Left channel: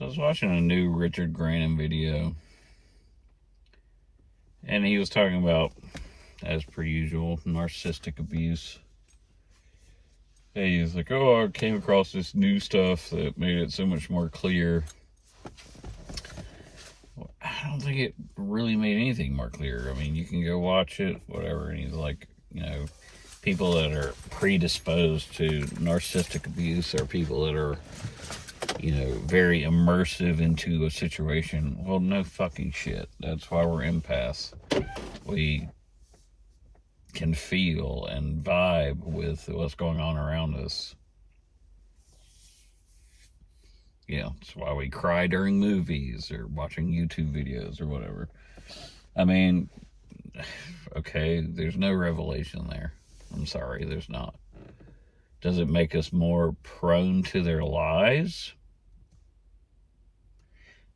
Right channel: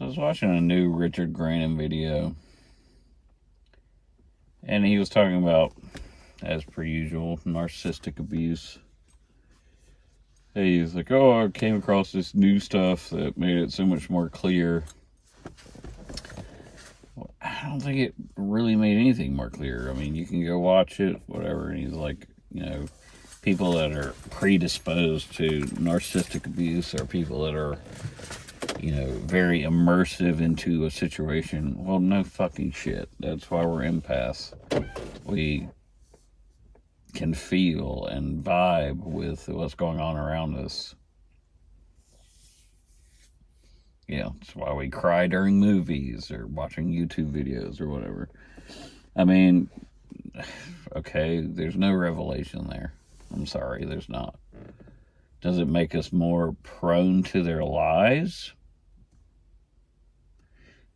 So I was watching a new Richard Grannon video, and he was talking about, as per usual, narcissistic abuse. He was like, oh, I came across this new stuff that made it so much more clear. Well, I don't think it really made anything more clear. I mean, you can go watch it, whatever. And he's like, people that are predisposed to narcissistic abuse are people that are, very immersive into a situation. Well, no fucking shit. That's why we're empaths. We can feel and vibe with what's going on around us. That's why we cry during movies or watching YouTube videos or whatever. I mean, okay, there's no revelation there. I'm sorry, there's not. Does it make us more prone to their lies?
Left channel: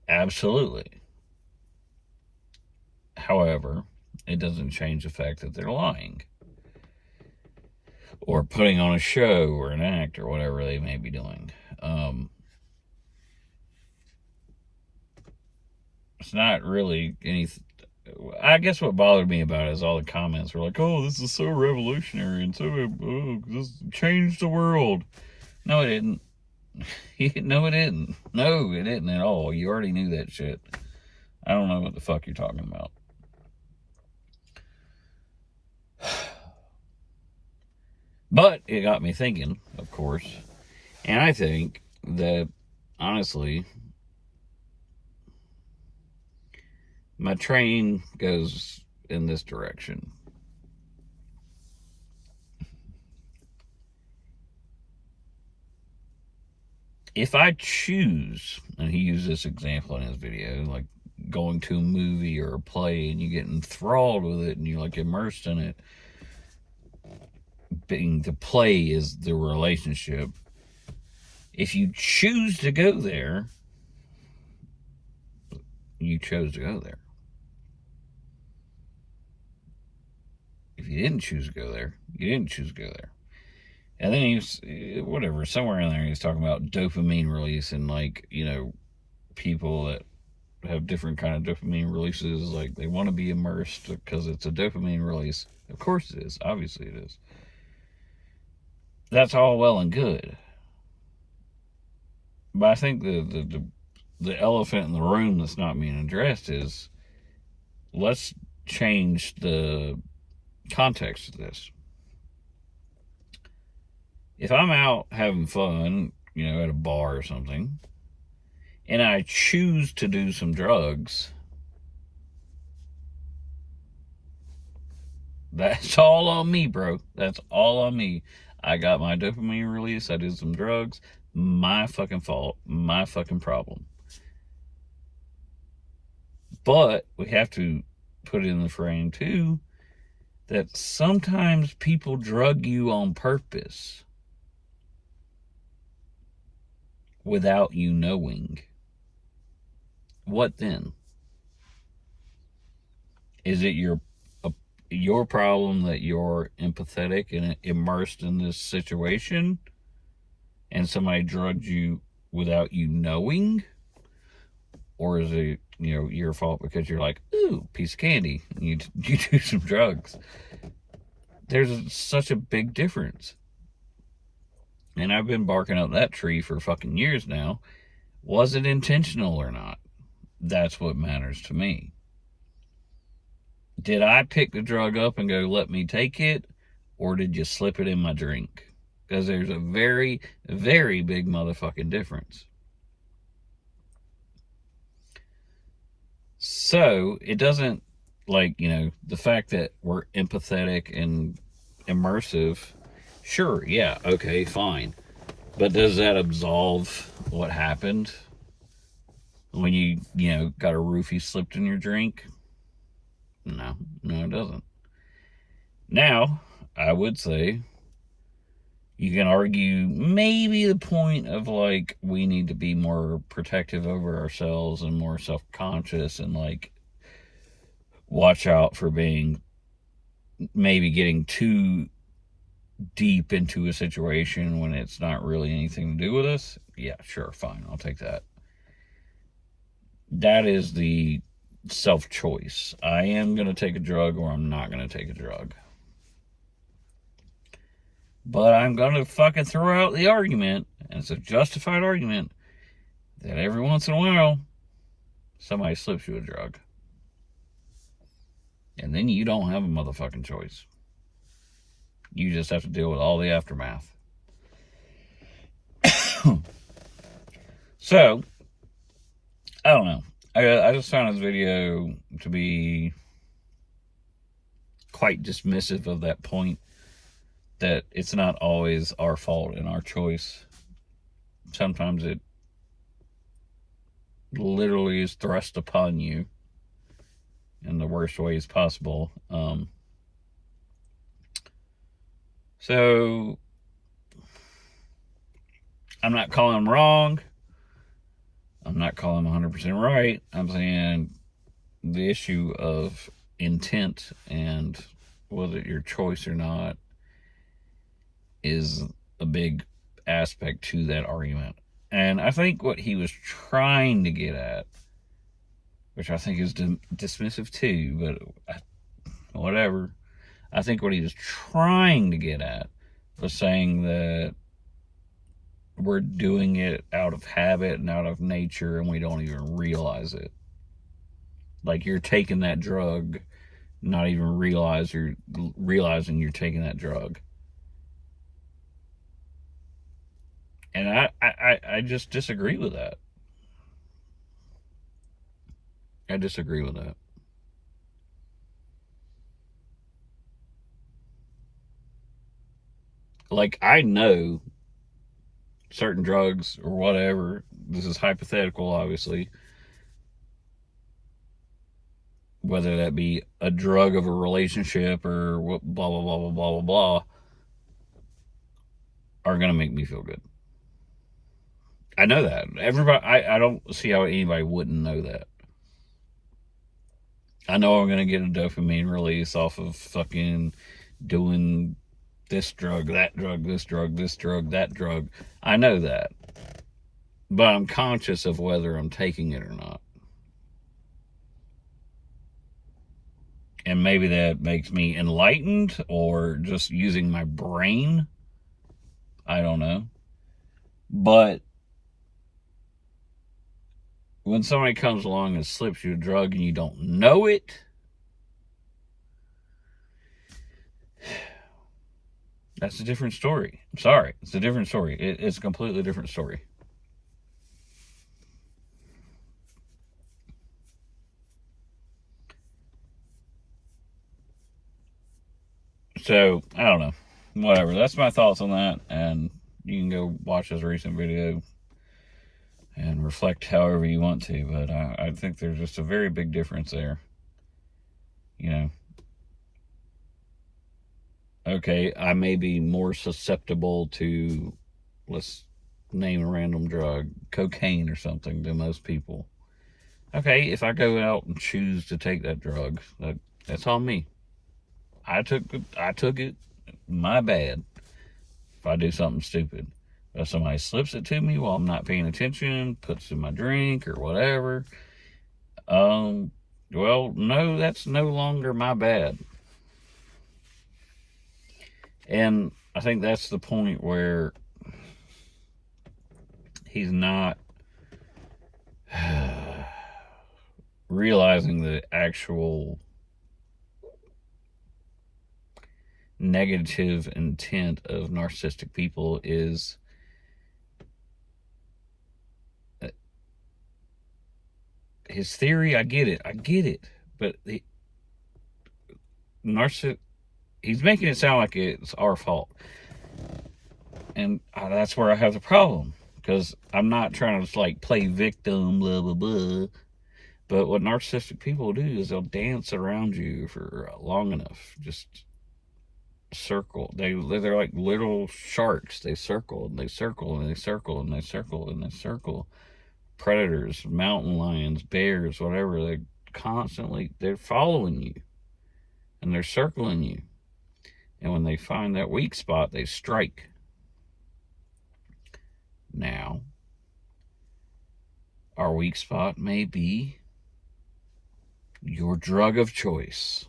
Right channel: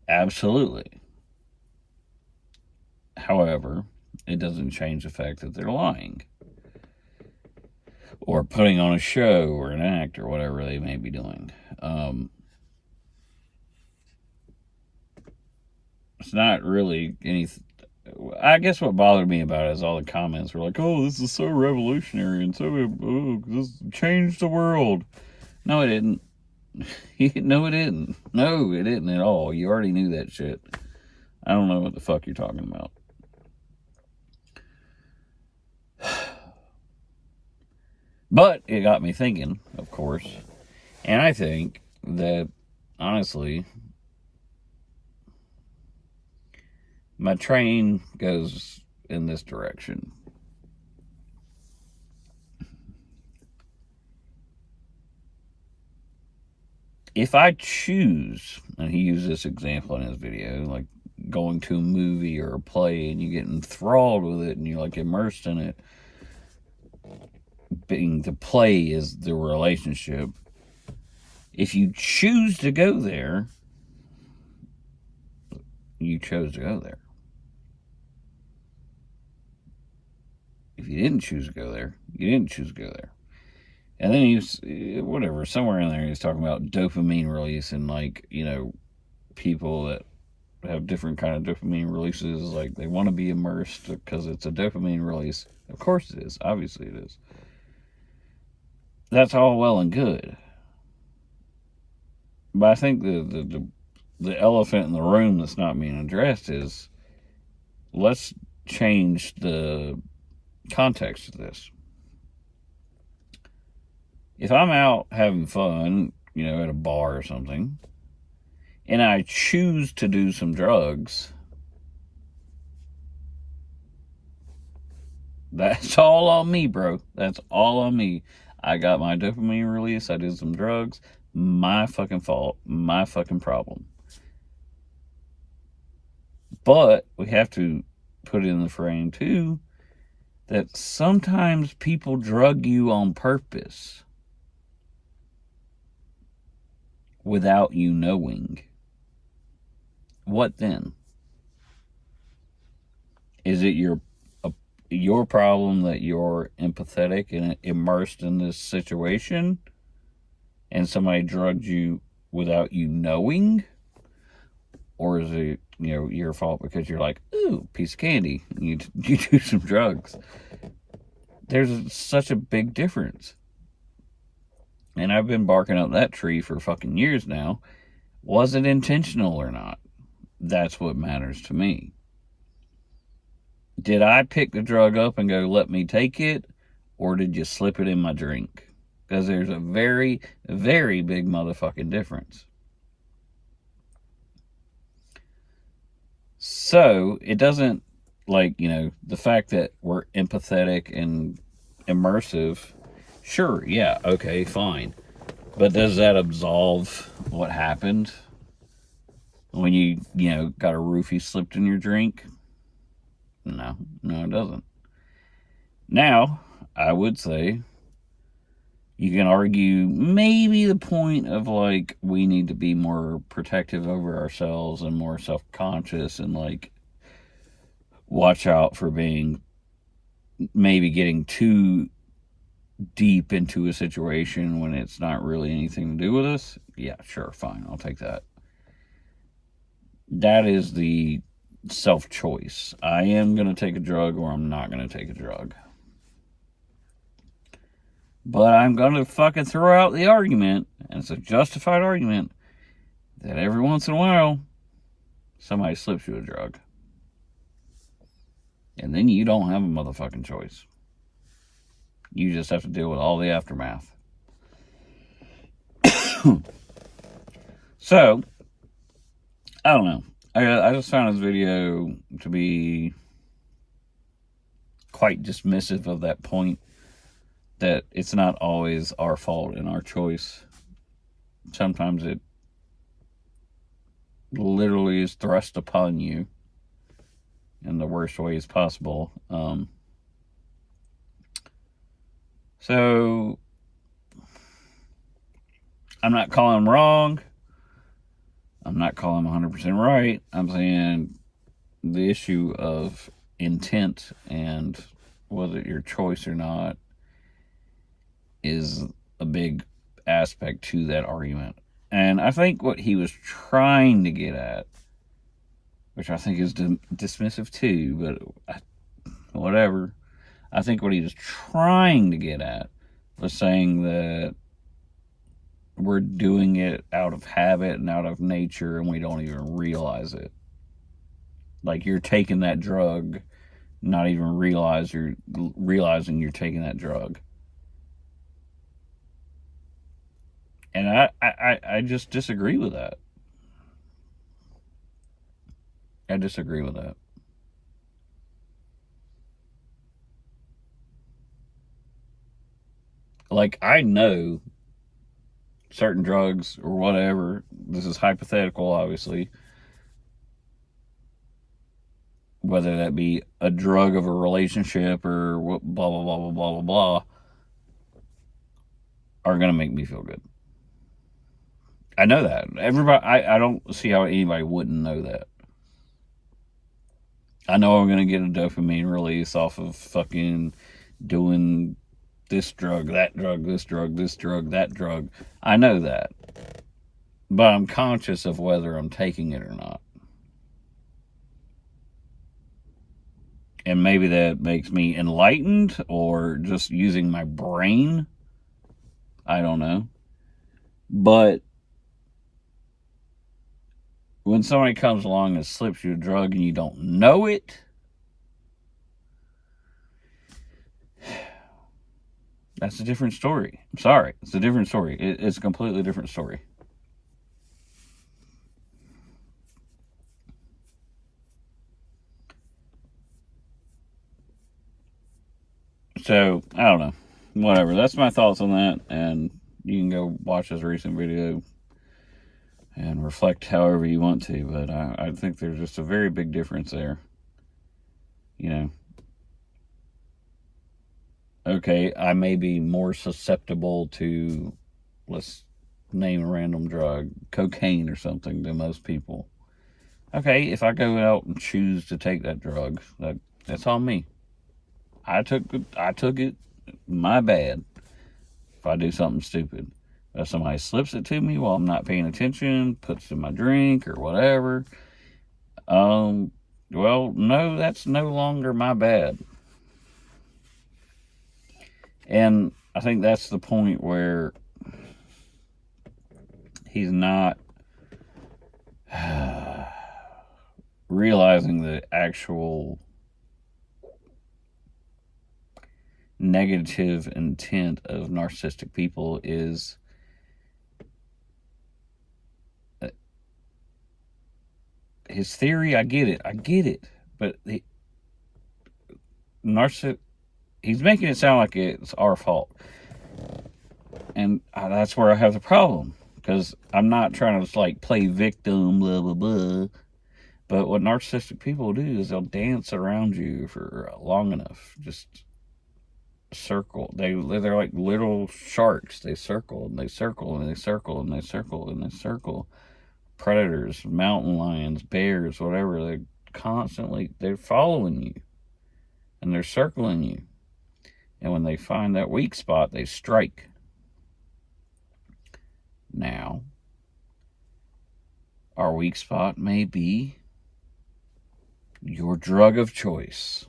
Absolutely. However, it doesn't change the fact that they're lying. Or putting on a show or an act or whatever they may be doing. It's not really anything. I guess what bothered me about it is all the comments were like, oh, this is so revolutionary and this changed the world. No, it didn't. No, it didn't. No, it didn't at all. You already knew that shit. I don't know what the fuck you're talking about. But it got me thinking, of course. And I think that, honestly, my train goes in this direction. If I choose, and he used this example in his video, like going to a movie or a play and you get enthralled with it and you're like immersed in it, being the play is the relationship. If you choose to go there, you chose to go there. If you didn't choose to go there, you didn't choose to go there. And then he's, whatever, somewhere in there he's talking about dopamine release and people that have different kind of dopamine releases, like they want to be immersed because it's a dopamine release. Of course it is. Obviously it is. That's all well and good. But I think the elephant in the room that's not being addressed is, let's change the context of this. If I'm out having fun, at a bar or something, and I choose to do some drugs, that's all on me, bro. That's all on me. I got my dopamine release. I did some drugs. My fucking fault. My fucking problem. But we have to put in the frame, too, that sometimes people drug you on purpose without you knowing. What then? Is it your problem that you're empathetic and immersed in this situation and somebody drugged you without you knowing? Or is it, your fault because you're like, ooh, piece of candy, and you do some drugs? There's such a big difference. And I've been barking up that tree for fucking years now. Was it intentional or not? That's what matters to me. Did I pick the drug up and go, let me take it? Or did you slip it in my drink? Because there's a very, very big motherfucking difference. So, it doesn't, the fact that we're empathetic and immersive, sure, yeah, okay, fine. But does that absolve what happened when you got a roofie slipped in your drink? No, it doesn't. Now, I would say you can argue maybe the point of we need to be more protective over ourselves and more self-conscious and watch out for maybe getting too deep into a situation when it's not really anything to do with us. Yeah, sure, fine, I'll take that. that is the self-choice. I am going to take a drug or I'm not going to take a drug. But I'm going to fucking throw out the argument, and it's a justified argument, that every once in a while, somebody slips you a drug. And then you don't have a motherfucking choice. You just have to deal with all the aftermath. So, I don't know. I just found this video to be quite dismissive of that point, that it's not always our fault and our choice. Sometimes it literally is thrust upon you in the worst ways possible. So, I'm not calling him wrong. I'm not calling him 100% right. I'm saying the issue of intent and whether your choice or not is a big aspect to that argument. And I think what he was trying to get at, which I think is dismissive too, but whatever. I think what he was trying to get at was saying that we're doing it out of habit and out of nature, and we don't even realize it. Like, you're taking that drug, not even realizing you're taking that drug. And I just disagree with that. I disagree with that. Like, I know certain drugs or whatever, this is hypothetical, obviously, whether that be a drug of a relationship or blah, blah, blah, blah, blah, blah, blah, are going to make me feel good. I know that. Everybody, I don't see how anybody wouldn't know that. I know I'm going to get a dopamine release off of fucking doing this drug, that drug, this drug, this drug, that drug. I know that. But I'm conscious of whether I'm taking it or not. And maybe that makes me enlightened or just using my brain. I don't know. But when somebody comes along and slips you a drug and you don't know it, that's a different story. I'm sorry. It's a different story. It's a completely different story. So, I don't know. Whatever. That's my thoughts on that. And you can go watch this recent video and reflect however you want to. But I think there's just a very big difference there. You know. Okay, I may be more susceptible to, let's name a random drug, cocaine or something, than most people. Okay, if I go out and choose to take that drug, that's on me. I took it. My bad. If I do something stupid, if somebody slips it to me while I'm not paying attention, puts it in my drink or whatever, well, no, that's no longer my bad. And I think that's the point where he's not realizing the actual negative intent of narcissistic people is his theory. I get it, but he's making it sound like it's our fault, and that's where I have the problem, because I'm not trying to like play victim, blah blah blah. But what narcissistic people do is they'll dance around you for long enough, just circle. They're like little sharks. They circle and they circle and they circle and they circle and they circle. Predators, mountain lions, bears, whatever. They're following you and they're circling you. And when they find that weak spot, they strike. Now, our weak spot may be your drug of choice.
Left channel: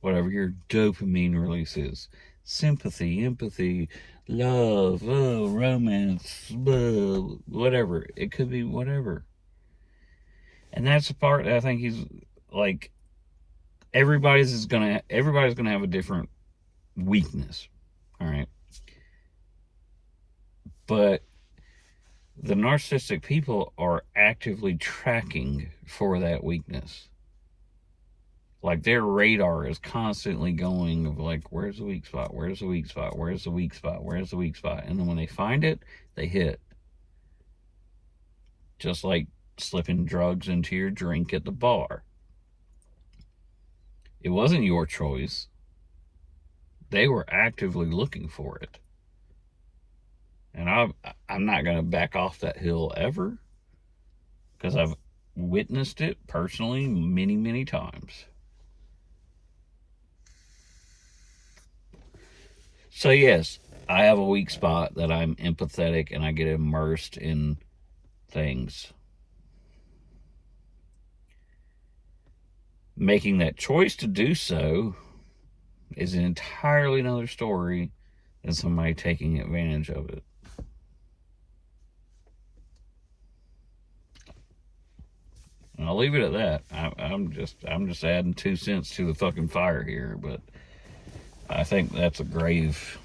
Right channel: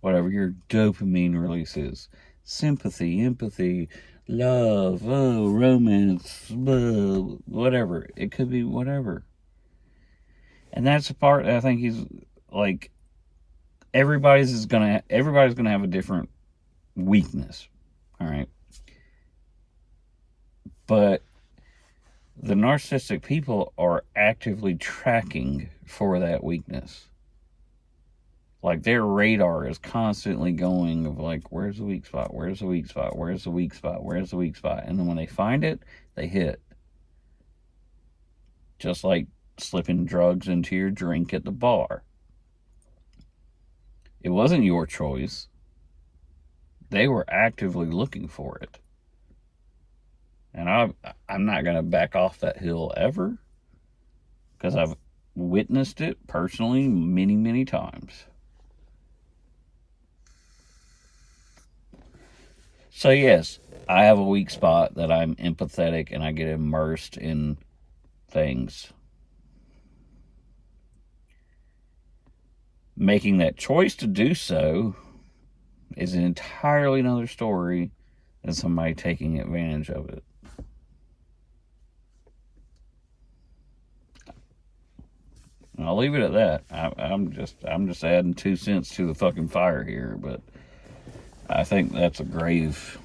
Whatever your dopamine release is. Sympathy, empathy, love, romance, whatever. It could be whatever. And that's the part that I think he's like, everybody's gonna have a different weakness. All right. But the narcissistic people are actively tracking for that weakness. Like, their radar is constantly going of like, where's the weak spot? Where's the weak spot? Where's the weak spot? Where's the weak spot? And then when they find it, they hit. Just like slipping drugs into your drink at the bar. It wasn't your choice. They were actively looking for it. And I'm not going to back off that hill ever, because I've witnessed it personally many, many times. So yes, I have a weak spot that I'm empathetic and I get immersed in things. Making that choice to do so is an entirely another story than somebody taking advantage of it. And I'll leave it at that. I'm just adding 2 cents to the fucking fire here, but I think that's a grave.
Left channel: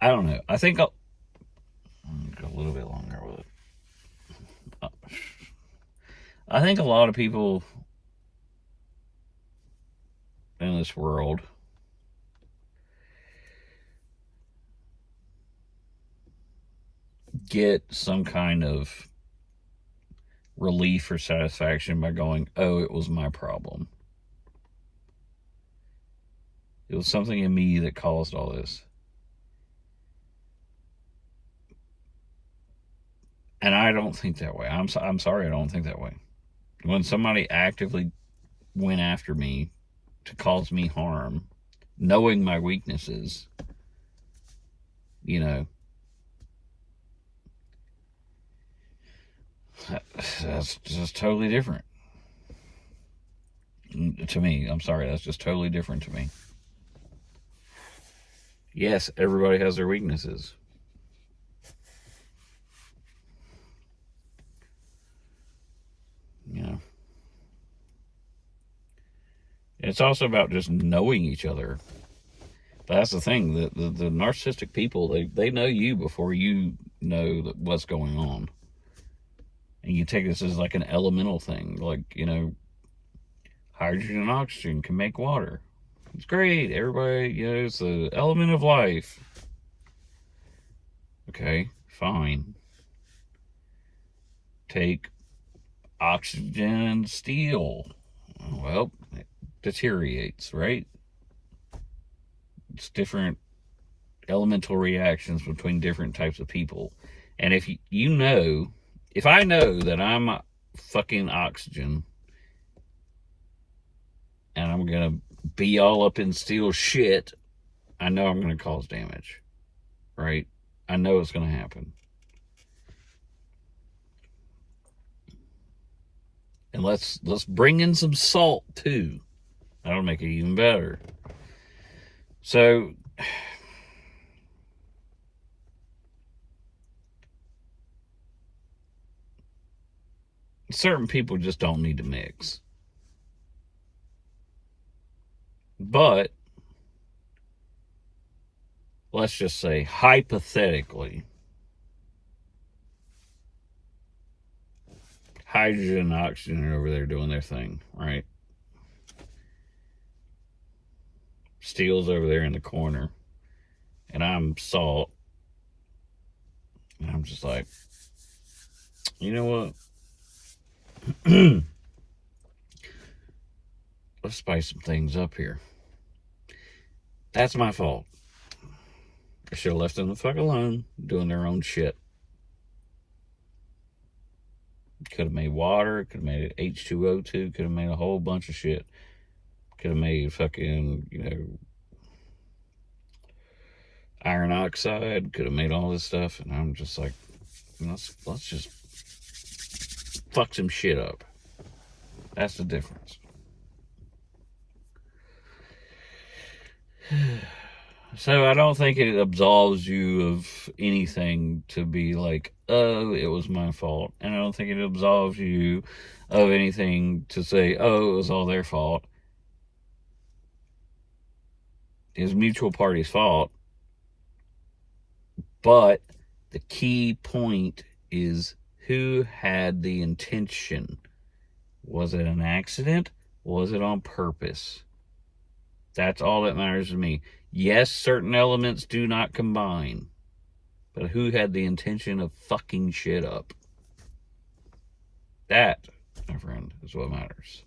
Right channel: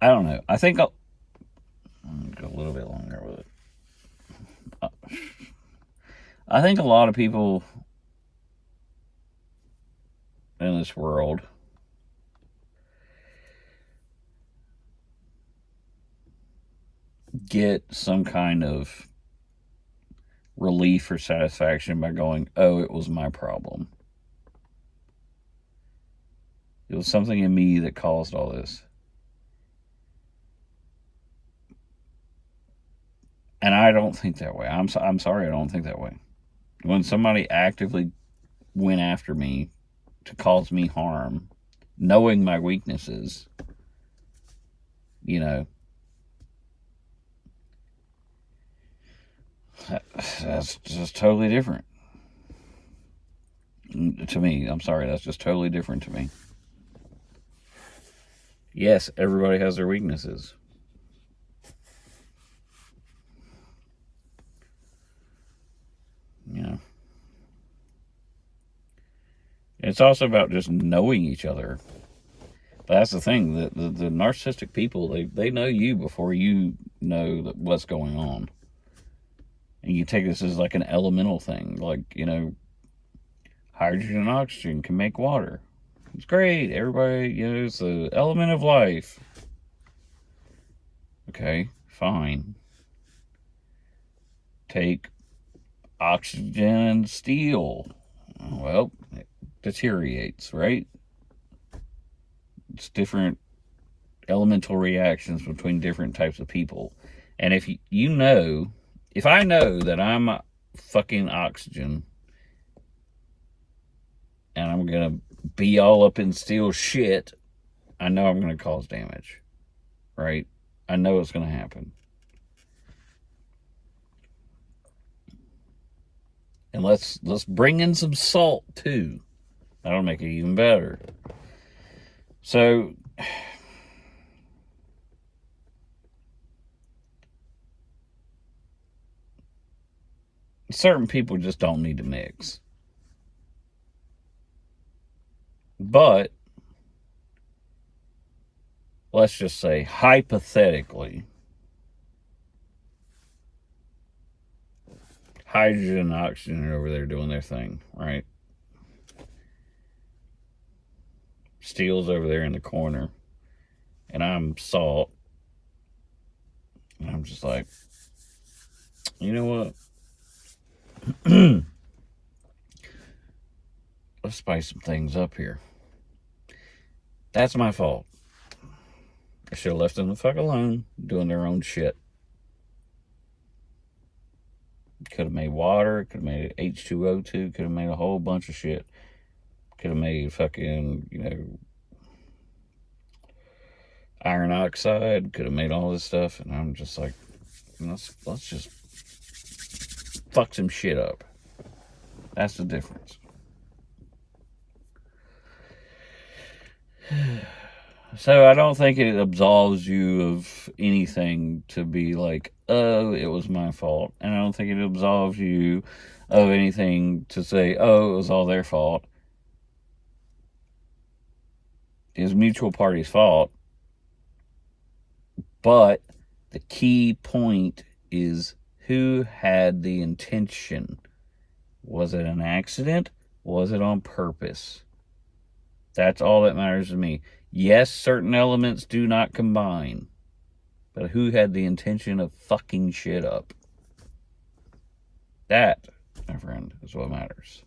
I don't know. I think I'll go a little bit longer with it. I think a lot of people in this world get some kind of relief or satisfaction by going, oh, it was my problem. It was something in me that caused all this. And I don't think that way. I'm sorry, I don't think that way. When somebody actively went after me to cause me harm, knowing my weaknesses, you know, that's just totally different to me. I'm sorry, that's just totally different to me. Yes, everybody has their weaknesses. You know, it's also about just knowing each other. But that's the thing, the narcissistic people, they know you before you know what's going on. And you take this as like an elemental thing, like, you know, hydrogen and oxygen can make water. It's great, everybody, you know, it's the element of life. Okay, fine. Take oxygen and steel. Well, it deteriorates, right? It's different elemental reactions between different types of people. And if you know, if I know that I'm fucking oxygen and I'm gonna be all up in steel shit, I know I'm gonna cause damage, right? I know it's gonna happen. And let's bring in some salt too. That'll make it even better. So certain people just don't need to mix. But let's just say, hypothetically, hydrogen and oxygen are over there doing their thing, right? Steel's over there in the corner, and I'm salt. And I'm just like, you know what? Let's spice some things up here. That's my fault. I should have left them the fuck alone, doing their own shit. Could have made water, could have made H2O2, could have made a whole bunch of shit. Could have made fucking, you know, monoxide, could have made all this stuff, and I'm just like, let's just fuck some shit up. That's the difference. So I don't think it absolves you of anything to be like, oh, it was my fault. And I don't think it absolves you of anything to say, oh, it was all their fault. It was mutual party's fault. But the key point is who had the intention. Was it an accident? Was it on purpose? That's all that matters to me. Yes, certain elements do not combine. But who had the intention of fucking shit up? That, my friend, is what matters.